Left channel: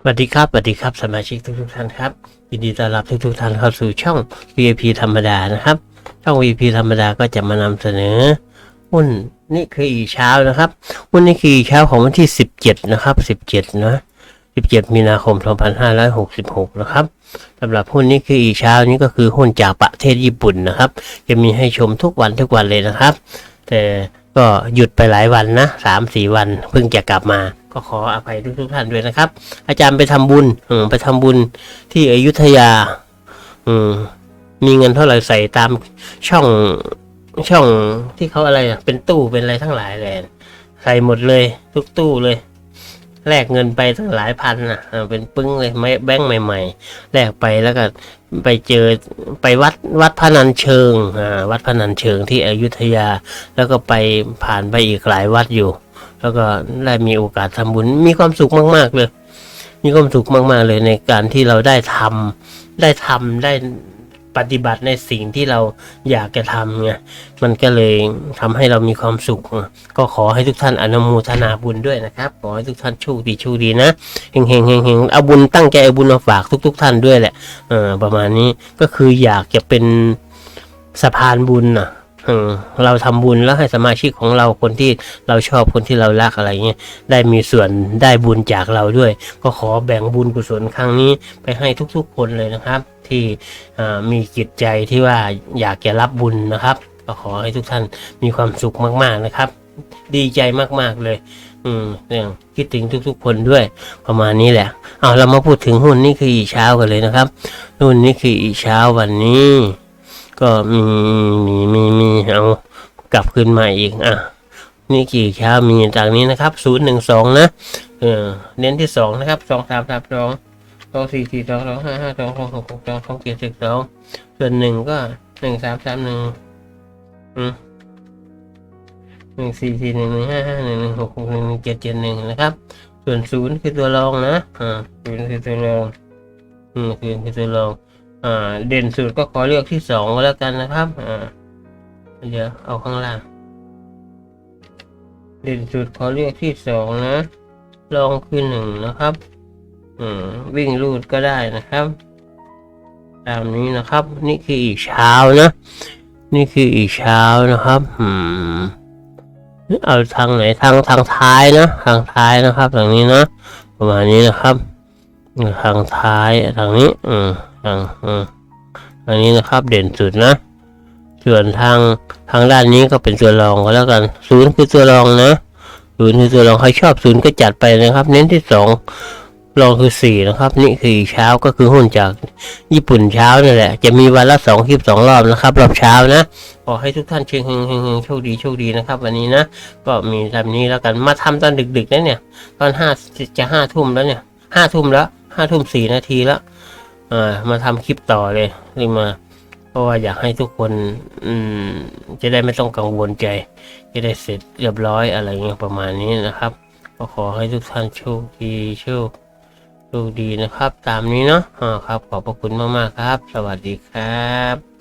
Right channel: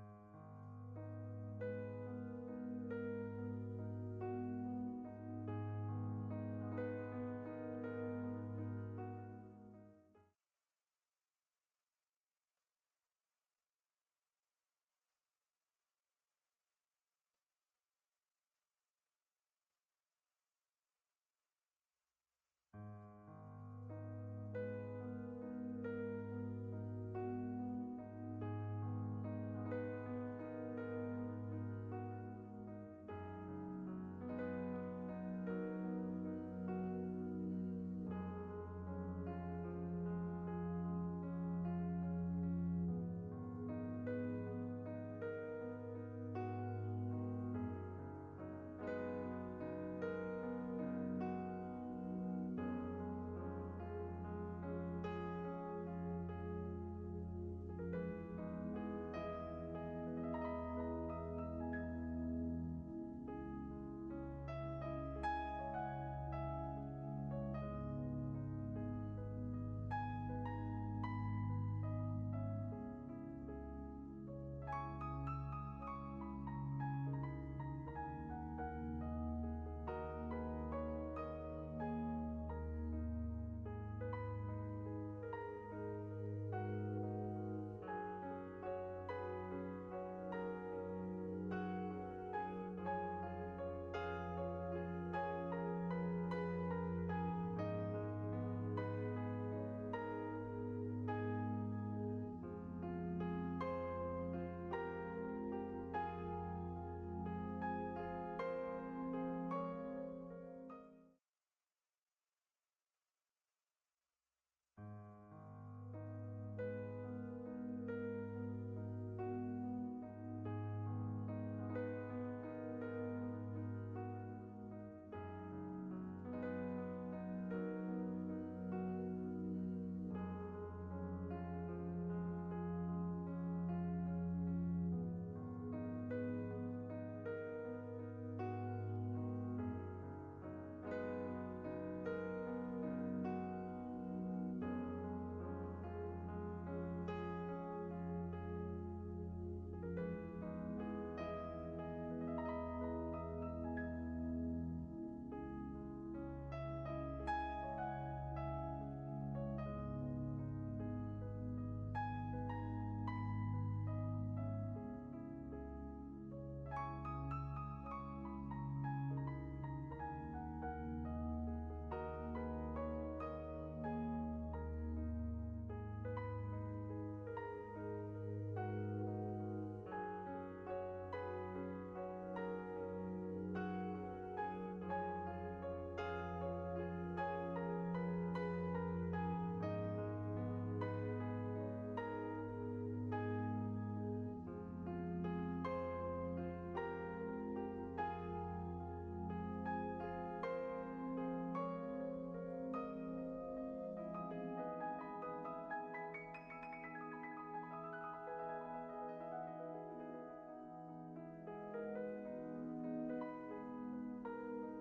สวัสดีครับสวัสดีครับสมาชิกทุกทุกๆท่านครับยินดีต้อนรับทุกทุกๆท่านเข้าสู่ช่อง VIP ธรรมดานะครับ ช่อง VIP ธรรมดาก็จะมานำเสนอหุ้นนี่คืออีเช้านะครับหุ้นนี่คืออีเช้าของวันที่ 17 นะครับ 17 นะ 17 มีนาคม 2566 นะครับสำหรับหุ้นนี้คืออีเช้านี้ก็คือหุ้นจากประเทศญี่ปุ่นนะครับ จะมีให้ชมทุกวันทุกวันเลยนะครับ แต่ก็หยุดไปหลายวันนะสามสี่วันเพิ่งจะกลับมา ก็ขออภัยทุกทุกท่านด้วยนะครับ อาจารย์ไปทำบุญอืไปทำบุญที่อยุธยา อืมมีเงินเท่าไหร่ใส่ตามช่องช่องที่เขาอะไรอะเป็นตู้เป็นอะไรทั้งหลายเลยใส่หมดเลย ทุกตู้เลยแลกเงินไปตั้งหลายพันอะเป็นปึ้งเลยไม่แบงค์ใหม่ ๆแลกไปแล้วก็ไปเจอไปวัดวัดพนัญเชิงอ่าวัดพนัญเชิงที่อยุธยา แล้วก็ไปผ่านไปอีกหลายวัดอยู่ แล้วก็ได้มีโอกาสทำบุญมีความสุขมาก ๆ เลย มีความสุขมาก ๆ เลยในการที่เราได้ทำได้ทำได้ปฏิบัติในสิ่งที่เราอยากจะทำไงมันก็เลยทำให้เรามีความสุข ก็ขอให้ทุกท่านอนุโมทนาบุญด้วยนะครับ ขอให้ทุกท่านโชคดีโชคดีนะเฮงเฮงเฮงเฮงเอาบุญตั้งใจเอาบุญมาฝากทุก ๆท่านด้วยแหละเออประมาณนี้ก็คืออยากจะเป็นสะพานบุญนะ เราทำบุญแล้วให้สมาชิกของเราคนที่เราชอบคนที่เรารักอะไรเงี้ยได้มีส่วนได้บุญจากเราด้วย ก็ขอแบ่งบุญกุศลครั้งนี้ไปให้ทุกๆคนเลยนะครับ ที่มีจิตใจที่ว่าอยากจะรับบุญนะครับ ก็ขอให้ทุกท่านมีความสุขมากๆนะครับ ดีใจมากๆเลย อืมเรื่องคิดถึงทุกๆ คนด้วยประมาณนี้แหละเอาเรามาพูดถึงหุ้นนี่คืออีเช้ากันเลยนะครับหุ้นนี่คืออีเช้าวันนี้ ก็มีมีมีมีเอากลับขึ้นมาอีกอะนี่กี่เช้ามีต่างนี้นะครับศูนย์หนึ่งสองนะเออเน้นที่สองนะครับสองสามสามสองสองสี่สี่สองสองห้าห้าสองสองหกหกสองสองเจ็ดสิบสองส่วนหนึ่งก็หนึ่งสามสามหนึ่งอืมหนึ่งสี่สี่หนึ่งหนึ่งห้าห้าหนึ่งหนึ่งหกหกหนึ่งหนึ่งเจ็ดเจ็ดหนึ่งนะครับ ส่วนศูนย์คือตัวรองนะอ่าศูนย์คือตัวรองอืมศูนย์คือตัวรอง อ่าเด่นสุดก็ขอเลือกที่สองก็แล้วกันนะครับอ่าเดี๋ยวเอาข้างล่าง เด่นสุดขอเลือกที่สองนะลองคือหนึ่งนะครับ อืมวิ่งรูดก็ได้นะครับ ตามนี้นะครับ นี่คืออีกเช้านะ นี่คืออีกเช้านะครับ อืมเอาทางไหนทางทางท้ายนะทางท้ายนะครับทางนี้นะประมาณนี้นะครับ ทางท้ายทางนี้ อืม ทาอืมทางนี้นะครับเด่นสุดนะ ส่วนทางทางด้านนี้ก็เป็นตัวรองก็แล้วกันศูนย์คือตัวรองนะศูนย์คือตัวรองใครชอบศูนย์ก็จัดไปนะครับ เน้นที่สองรองคือสี่นะครับ นี่คือเช้าก็คือหุ้นจากญี่ปุ่นเช้านั่นแหละ จะมีวันละสองคลิปสองรอบนะครับ รอบเช้านะขอให้ทุกท่านเชิงเฮงเฮงเฮงโชคดีโชคดีนะครับ วันนี้นะ ก็มีทำนี้แล้วกันมาทำตอนดึกๆนะเนี่ย ตอนห้าจะห้าทุ่มแล้วเนี่ยห้าทุ่มแล้วห้าทุ่มสี่นาทีแล้ว อ่ามาทำคลิปต่อเลยนี่มา เพราะว่าอยากให้ทุกคน อืม จะได้ไม่ต้องกังวลใจ จะได้เสร็จเรียบร้อยอะไรเงี้ยประมาณนี้นะครับ ก็ขอให้ทุกท่านโชคดีโชคโชคดีนะครับ ตามนี้เนาะอ่าครับ ขอบพระคุณมากๆครับ สวัสดีครับ